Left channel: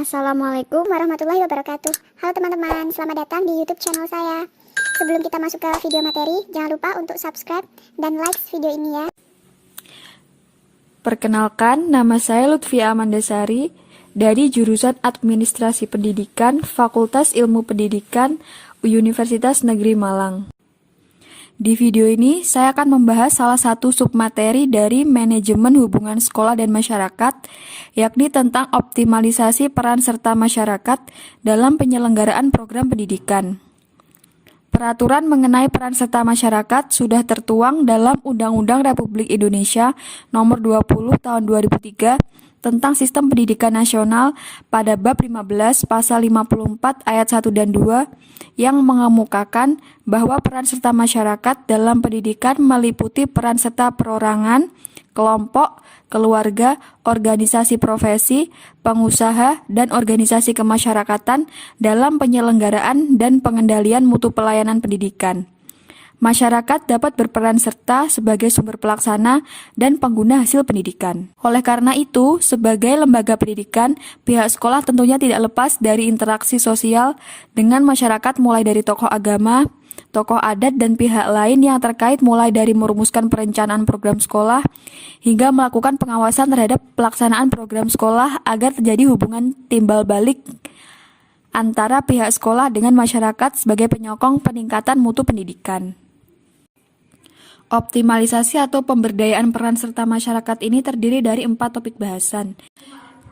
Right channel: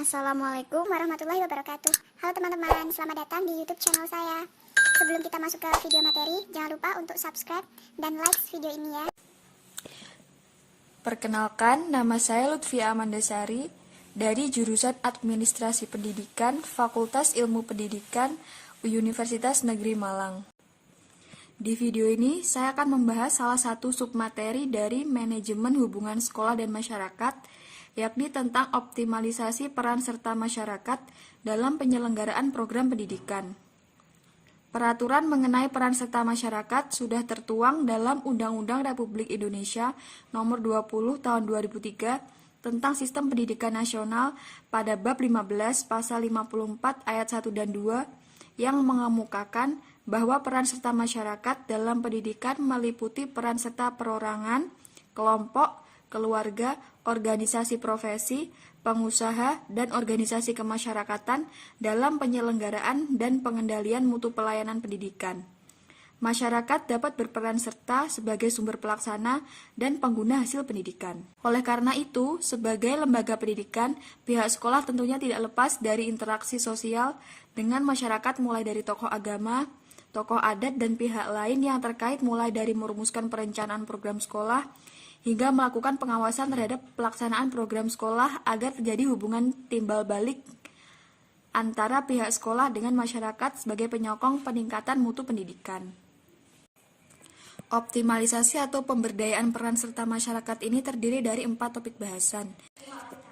Assalamualaikum warahmatullahi wabarakatuh. Halo teman-teman, selamat datang di YouTube channel saya. Sebelum kita masuk ke video materi, jangan lupa untuk subscribe dan like video ini ya. Perkenalkan, nama saya Lutfia Amandasari dari jurusan Administrasi Pendidikan, Fakultas Ilmu Pendidikan, Universitas Negeri Malang. Di video ini, saya akan membahas salah satu submateri dari Manajemen Hubungan Sekolah dan Masyarakat, yakni tentang optimalisasi peran serta masyarakat dalam penyelenggaraan program pendidikan. Peraturan mengenai peran serta masyarakat sudah tertuang dalam Undang-Undang Republik Indonesia Nomor 20 Tahun 2003 tentang Sistem Pendidikan Nasional pada bab 15 pasal 54 ayat 1 dan 2 yang mengemukakan bahwa peran serta masyarakat dalam pendidikan meliputi peran serta perorangan, kelompok, keluarga, organisasi profesi, pengusaha, dan organisasi kemasyarakatan dalam penyelenggaraan dan pengendalian mutu pelayanan pendidikan. Masyarakat dapat berperan serta sebagai sumber pelaksana dan pengguna hasil pendidikan. Oleh karena itu, sebagai lembaga pendidikan, pihak sekolah tentunya tidak lepas dari interaksi sosial dengan masyarakat mulai dari tokoh agama, tokoh adat, dan pihak lain yang terkait mulai dari merumuskan perencanaan program sekolah hingga melakukan pengawasan terhadap pelaksanaan program sekolah agar terjadi hubungan timbal balik antara pihak sekolah dengan masyarakat sebagai penyokong peningkatan mutu pendidikan. Optimalisasi atau pemberdayaan peran serta masyarakat ini terdiri dari 4 topik bahasan.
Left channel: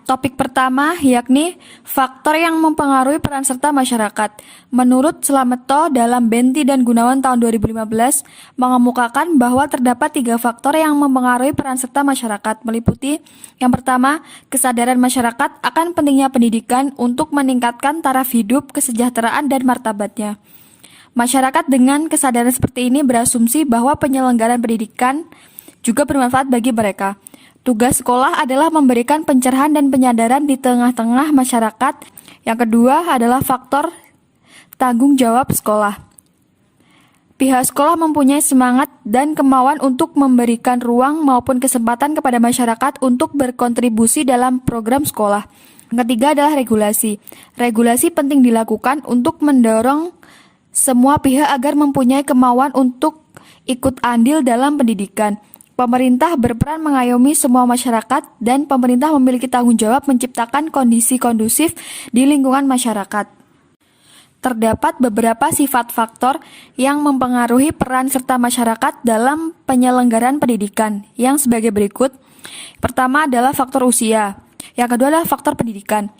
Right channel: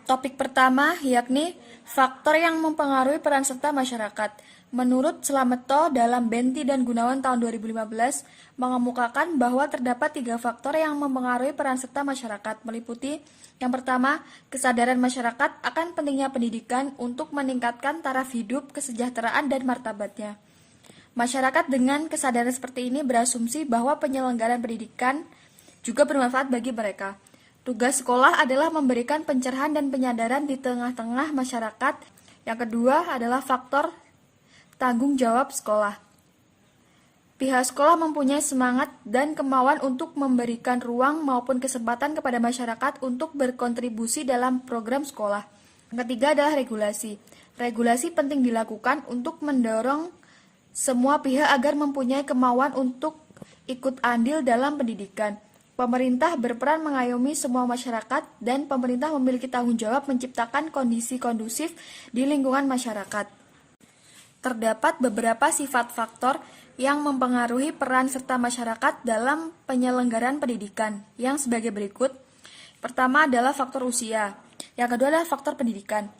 Topik pertama yakni faktor yang mempengaruhi peran serta masyarakat. Menurut Slameto dalam Benti dan Gunawan tahun 2015 mengemukakan bahwa terdapat 3 faktor yang mempengaruhi peran serta masyarakat, meliputi yang pertama, kesadaran masyarakat akan pentingnya pendidikan untuk meningkatkan taraf hidup, kesejahteraan, dan martabatnya. Masyarakat dengan kesadaran seperti ini berasumsi bahwa penyelenggaraan pendidikan juga bermanfaat bagi mereka. Tugas sekolah adalah memberikan pencerahan dan penyadaran di tengah-tengah masyarakat. Yang kedua adalah faktor tanggung jawab sekolah. Pihak sekolah mempunyai semangat dan kemauan untuk memberikan ruang maupun kesempatan kepada masyarakat untuk berkontribusi dalam program sekolah. Yang ketiga adalah regulasi. Regulasi penting dilakukan untuk mendorong semua pihak agar mempunyai kemauan untuk ikut andil dalam pendidikan. Pemerintah berperan mengayomi semua masyarakat dan pemerintah memiliki tanggung jawab menciptakan kondisi kondusif di lingkungan masyarakat. Terdapat beberapa sifat faktor yang mempengaruhi peran serta masyarakat dalam penyelenggaraan pendidikan yang sebagai berikut. Pertama adalah faktor usia, yang kedua adalah faktor pendidikan,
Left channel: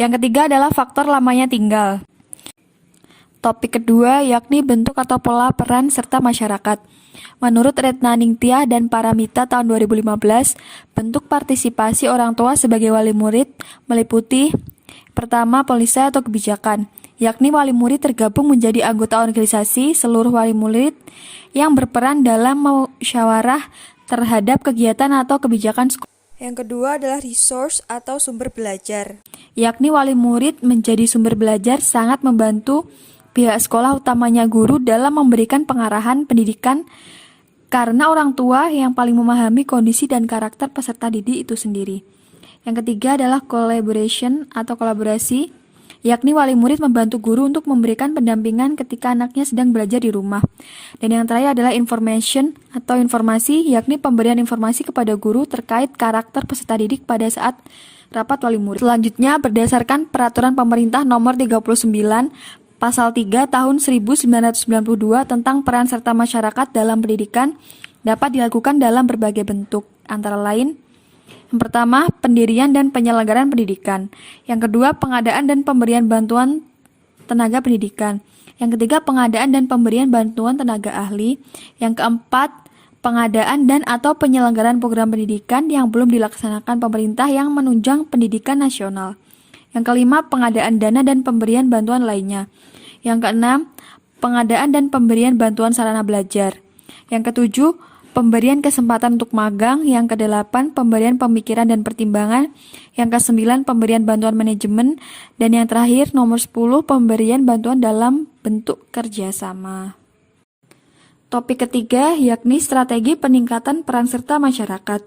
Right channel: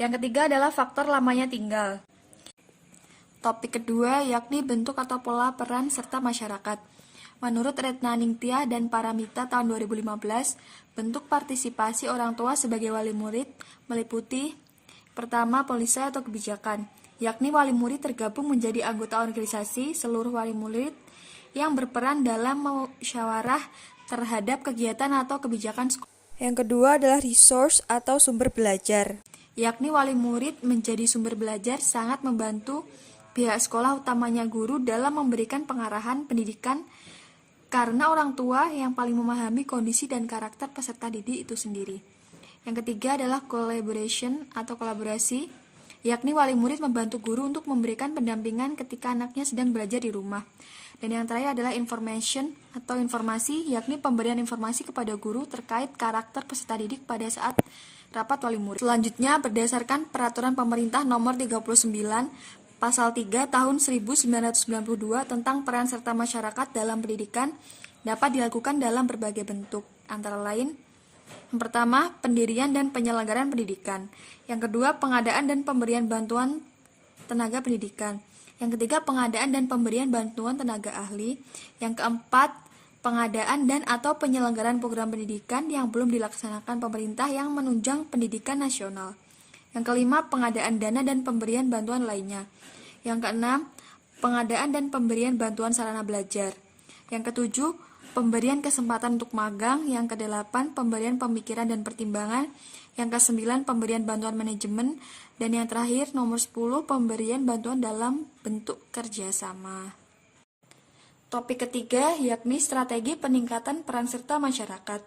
yang ketiga adalah faktor lamanya tinggal. Topik kedua yakni bentuk atau pola peran serta masyarakat. Menurut Retna Ningtyah dan Paramita tahun 2015, bentuk partisipasi orang tua sebagai wali murid meliputi pertama, polisi atau kebijakan, yakni wali murid tergabung menjadi anggota organisasi seluruh wali murid yang berperan dalam musyawarah terhadap kegiatan atau kebijakan sekolah. Yang kedua adalah resource atau sumber belajar, yakni wali murid menjadi sumber belajar sangat membantu pihak sekolah utamanya guru dalam memberikan pengarahan pendidikan karena orang tua yang paling memahami kondisi dan karakter peserta didik itu sendiri. Yang ketiga adalah collaboration atau kolaborasi, yakni wali murid membantu guru untuk memberikan pendampingan ketika anaknya sedang belajar di rumah. Dan yang terakhir adalah information atau informasi, yakni pemberian informasi kepada guru terkait karakter peserta didik pada saat rapat wali murid. Selanjutnya, berdasarkan Peraturan Pemerintah Nomor 39 Pasal 3 Tahun 1992 tentang peran serta masyarakat dalam pendidikan dapat dilakukan dalam berbagai bentuk, antara lain: yang pertama, pendirian dan penyelenggaraan pendidikan. Yang kedua, pengadaan dan pemberian bantuan tenaga pendidikan. Yang ketiga, pengadaan dan pemberian bantuan tenaga ahli. Yang keempat, pengadaan dan atau penyelenggaraan program pendidikan yang belum dilaksanakan pemerintah yang menunjang pendidikan nasional. Yang kelima, pengadaan dana dan pemberian bantuan lainnya. Yang keenam, pengadaan dan pemberian bantuan sarana belajar. Yang ketujuh, pemberian kesempatan untuk magang. Yang kedelapan, pemberian pemikiran dan pertimbangan. Yang kesembilan, pemberian bantuan manajemen. Dan yang terakhir, nomor 10, pemberian bantuan dalam bentuk kerjasama. Topik ketiga yakni strategi peningkatan peran serta masyarakat.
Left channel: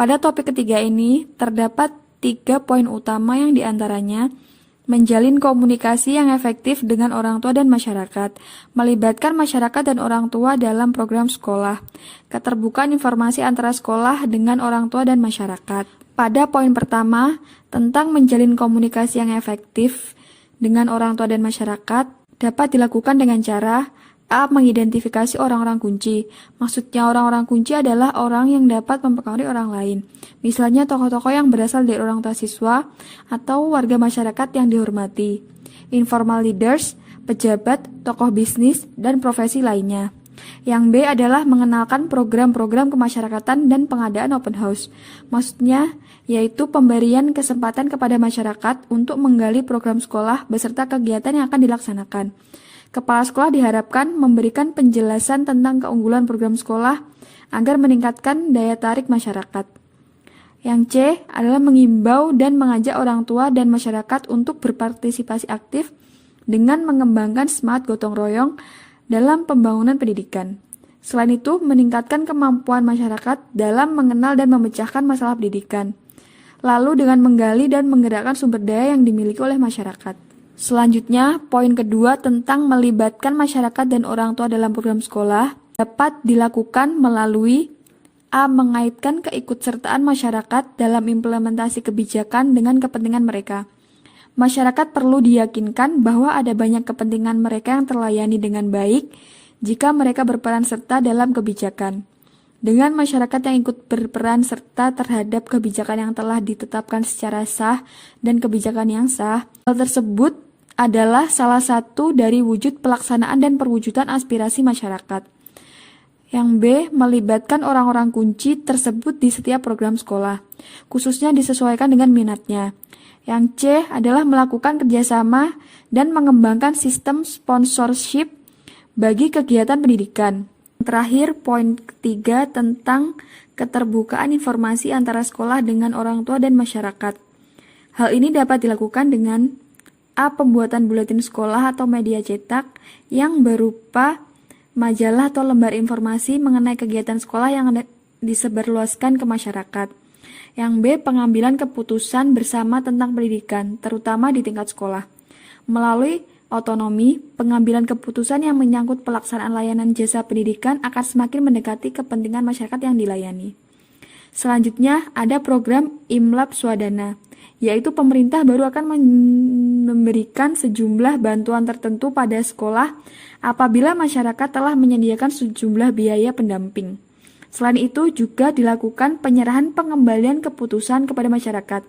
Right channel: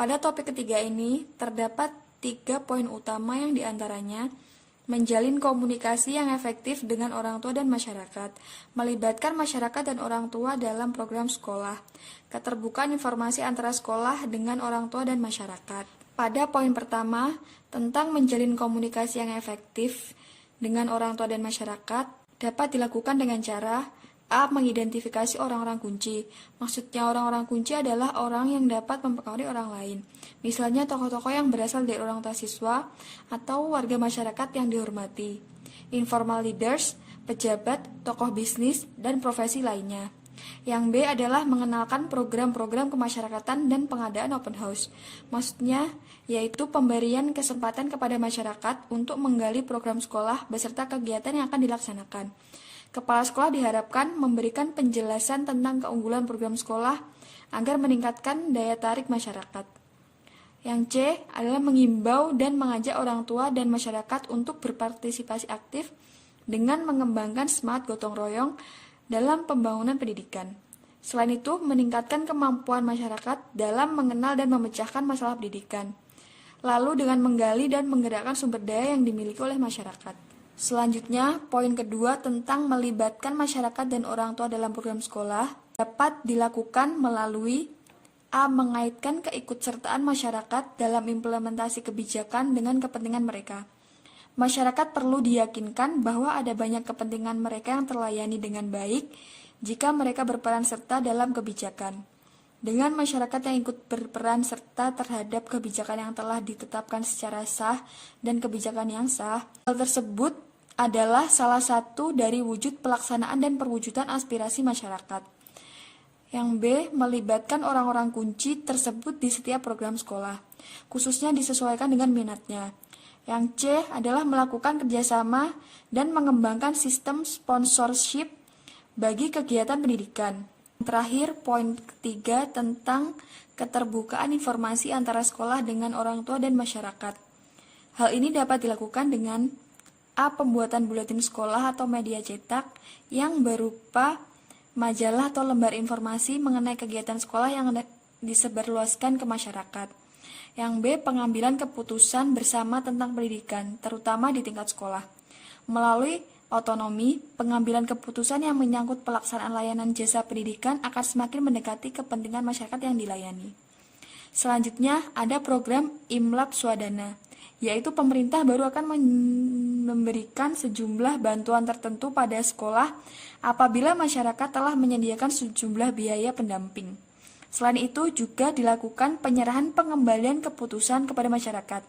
Pada topik ketiga ini terdapat 3 poin utama yang diantaranya menjalin komunikasi yang efektif dengan orang tua dan masyarakat, melibatkan masyarakat dan orang tua dalam program sekolah, keterbukaan informasi antara sekolah dengan orang tua dan masyarakat. Pada poin pertama, tentang menjalin komunikasi yang efektif dengan orang tua dan masyarakat, dapat dilakukan dengan cara A. Mengidentifikasi orang-orang kunci. Maksudnya orang-orang kunci adalah orang yang dapat mempengaruhi orang lain. Misalnya tokoh-tokoh yang berasal dari orang tua siswa atau warga masyarakat yang dihormati. Informal leaders, pejabat, tokoh bisnis, dan profesi lainnya. Yang B adalah mengenalkan program-program kemasyarakatan dan pengadaan open house. Maksudnya yaitu pemberian kesempatan kepada masyarakat untuk menggali program sekolah beserta kegiatan yang akan dilaksanakan. Kepala sekolah diharapkan memberikan penjelasan tentang keunggulan program sekolah agar meningkatkan daya tarik masyarakat. Yang C adalah mengimbau dan mengajak orang tua dan masyarakat untuk berpartisipasi aktif dengan mengembangkan semangat gotong royong dalam pembangunan pendidikan. Selain itu, meningkatkan kemampuan masyarakat dalam mengenal dan memecahkan masalah pendidikan. Lalu dengan menggali dan menggerakkan sumber daya yang dimiliki oleh masyarakat. Selanjutnya, poin kedua tentang melibatkan masyarakat dan orang tua dalam program sekolah dapat dilakukan melalui A. Mengaitkan keikutsertaan masyarakat dalam implementasi kebijakan dengan kepentingan mereka. Masyarakat perlu diyakinkan bahwa ada banyak kepentingan mereka yang terlayani dengan baik jika mereka berperan serta dalam kebijakan. Dengan masyarakat yang ikut berperan serta terhadap kebijakan yang telah ditetapkan secara sah dan kebijakan yang sah, hal tersebut adalah salah satu dari wujud pelaksanaan dan perwujudan aspirasi masyarakat. Yang B. Melibatkan orang-orang kunci tersebut di setiap program sekolah, khususnya disesuaikan dengan minatnya. Yang C adalah melakukan kerjasama dan mengembangkan sistem sponsorship bagi kegiatan pendidikan. Terakhir, poin ketiga tentang keterbukaan informasi antara sekolah dengan orang tua dan masyarakat. Hal ini dapat dilakukan dengan A. Pembuatan buletin sekolah atau media cetak yang berupa majalah atau lembar informasi mengenai kegiatan sekolah yang disebarluaskan ke masyarakat. Yang B. Pengambilan keputusan bersama tentang pendidikan, terutama di tingkat sekolah. Melalui otonomi, pengambilan keputusan yang menyangkut pelaksanaan layanan jasa pendidikan akan semakin mendekati kepentingan masyarakat yang dilayani. Selanjutnya, ada program Imlab Swadana, yaitu pemerintah baru akan memberikan sejumlah bantuan tertentu pada sekolah apabila masyarakat telah menyediakan sejumlah biaya pendamping. Selain itu juga dilakukan penyerahan pengembalian keputusan kepada masyarakat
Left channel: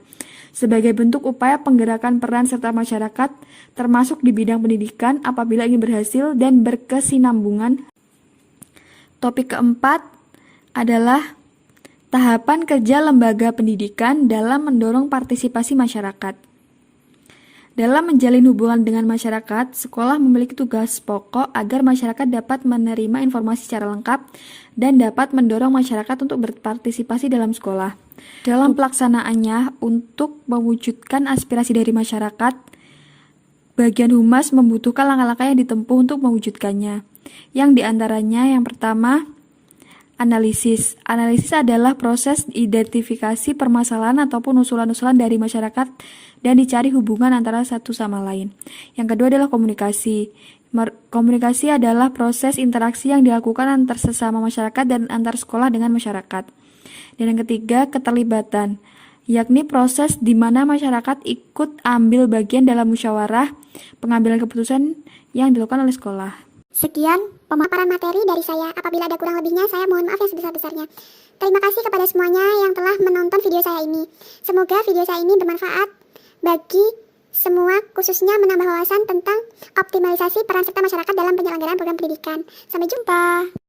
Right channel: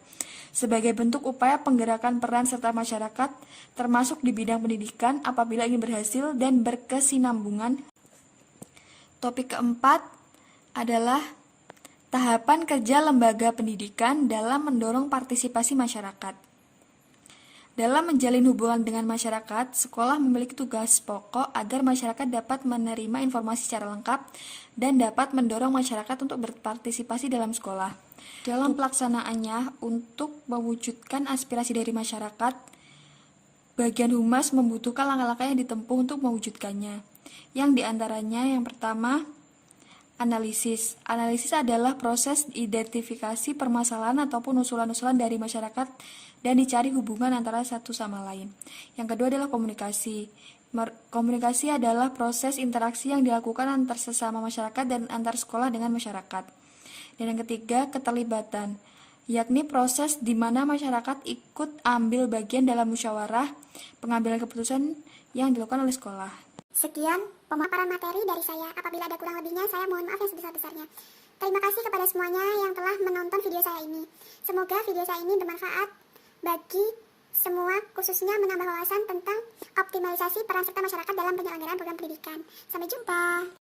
sebagai bentuk upaya penggerakan peran serta masyarakat termasuk di bidang pendidikan apabila ini berhasil dan berkesinambungan. Topik keempat adalah tahapan kerja lembaga pendidikan dalam mendorong partisipasi masyarakat. Dalam menjalin hubungan dengan masyarakat, sekolah memiliki tugas pokok agar masyarakat dapat menerima informasi secara lengkap dan dapat mendorong masyarakat untuk berpartisipasi dalam sekolah. Dalam pelaksanaannya, untuk mewujudkan aspirasi dari masyarakat, bagian humas membutuhkan langkah-langkah yang ditempuh untuk mewujudkannya. Yang diantaranya yang pertama, analisis. Analisis adalah proses identifikasi permasalahan ataupun usulan-usulan dari masyarakat dan dicari hubungan antara satu sama lain. Yang kedua adalah komunikasi. Komunikasi adalah proses interaksi yang dilakukan antar sesama masyarakat dan antar sekolah dengan masyarakat. Dan yang ketiga, keterlibatan, yakni proses di mana masyarakat ikut ambil bagian dalam musyawarah pengambilan keputusan yang dilakukan oleh sekolah. Sekian pemaparan materi dari saya. Apabila ada kurang lebihnya, saya mohon maaf yang sebesar-besarnya. Terima kasih kepada semuanya yang telah menonton video saya ini. Semoga video saya ini bermanfaat bagi semua, khususnya menambah wawasan tentang optimalisasi peran serta masyarakat dalam penyelenggaraan program pendidikan. Sampai jumpa.